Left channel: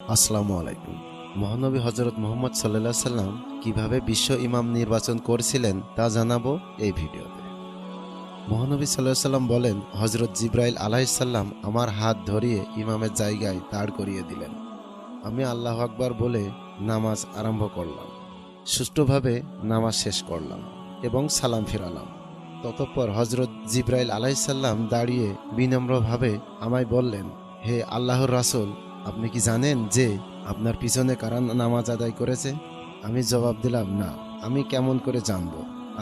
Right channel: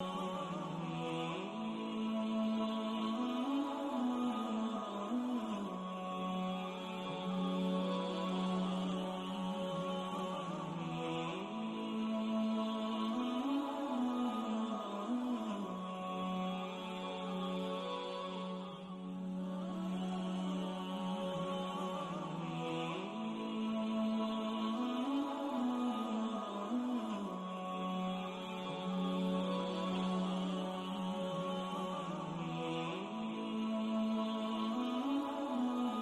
আসসালামু আলাইকুম। মহানবী হজরত মোহাম্মদ সাল্লাহ সাল্লাম কীভাবে বিশ্ব ইমাম নির্বাচন করছিলেন তা জানাব এই ভিডিওতে। মহানবী সাল্লাহ সাল্লাম বলেন হজরত জিব্রাইল আলাইসাল্লাম আমার হাত ধরিয়ে ইমামের জায়গায় দাঁড় করিয়ে দিলেন। আমি আল্লাহ আকবার বলে নামাজ আরম্ভ করলাম। সুষ্ঠুভাবে নামাজ শেষ করলাম এবং সালাম ফিরালাম। ততঃপর হজরত জিব্রাইল আলাইসাল্লাম দাঁড়িয়ে বিনম্রভাবে আমায় বললেন, হে আল্লাহর রাসূল আপনি কি জানেন যে আপনার পিছনে কারা নামাজ আদায় করেছে? আমি জবাব দিলাম, না, আমি কেমন করে জানব?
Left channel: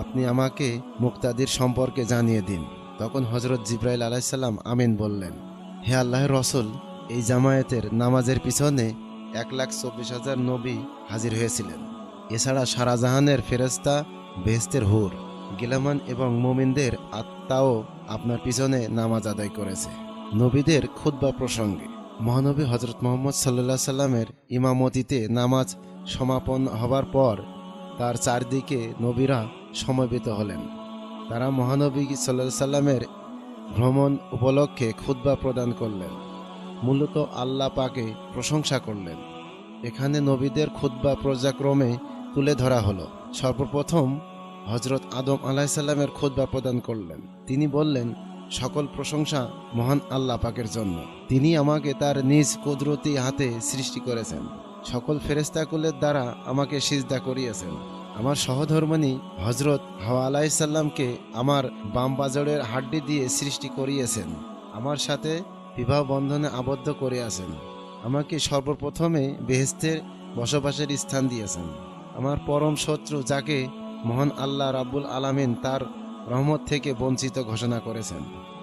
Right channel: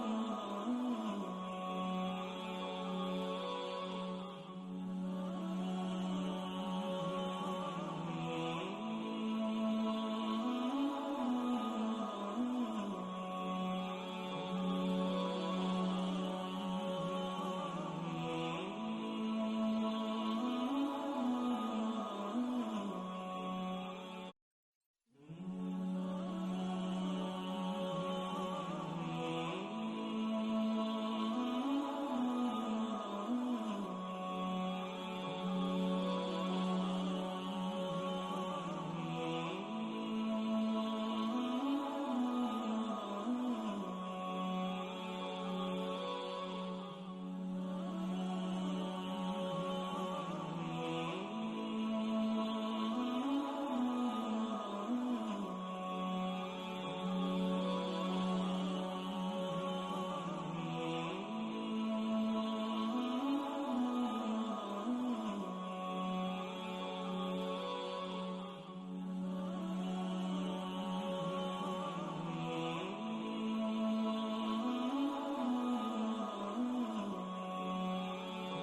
আপনি আমাকে মুক্তাদির সম্পর্কে জানিয়ে দিন। তখন হজরত জিব্রাইল আলাইসাল্লাম আমিন বললেন, হে আল্লাহর রসুল, এই জামায়াতের নামাজের পিছনে এক লাখ চব্বিশ হাজার নবী হাজির হয়েছিলেন। এছাড়া সারাজাহানের ফেরেস্তা বেহেস্তের হুর, গিলামান এবং মোমিনদের আত্মাও আপনার পিছনে নামাজ আদায় করেছে। নবীদের খুদ্া প্রসঙ্গে মহানবী হজরত মোহাম্মদ সাল্লাহ সাল্লামের ইমামতিতে নামাজ সমাপন হবার পর তার চারদিকে নবীরা সমবেত হলেন। তারা মহানবী সাল্লাহ সাল্লামের ভ্রমণ উপলক্ষে খুদ্া প্রদান করলেন। মূলত আল্লাহ পাকে প্রশংসা করলেন। এখানে নবীদের খুদ্া পর্যাক্রমে তুলে ধরা হলো। সর্বপ্রথম হজরত আদম আলাহিসাল্লামের খুদ্া প্রদান করলেন। তিনি বললেন সকল প্রশংসা মহান আল্লাহ পাকের জন্য। তিনি আমাকে তার নিজ কুদরতি হাতে সৃষ্টি করেছেন। সকল ফেরেস্তাকুলের দ্বারা আমাকে সিজদা করিয়েছেন। আমার সহধর্মণী হজরত হাওয়া আলাইসাল্লামকে আমার বাম বাজরের হাড্ডি দিয়ে সৃষ্টি করিয়েছেন। আমার সাথে বিবাহ বন্ধনে আবদ্ধ করিয়াছেন আমাকে সর্বপ্রথমে বেহেস্তের বসবাসের স্থান দিয়েছেন। আমার পরম শত্রু যাকে মহান আল্লাহ রাব্বুল আলামিন তার রহমত থেকে বঞ্চিত ঘোষণা করেছেন।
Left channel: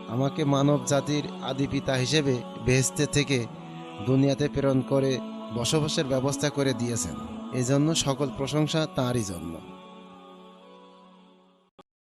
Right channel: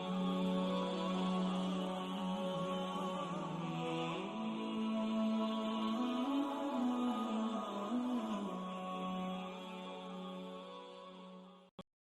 আমাকে মানব জাতির আদি পিতা হিসেবে বেহেস্তে থেকে দুনিয়াতে প্রেরণ করে বসবাসের ব্যবস্থা করে দিয়েছেন। এজন্য সকল প্রশংসা তাঁরই জন্য।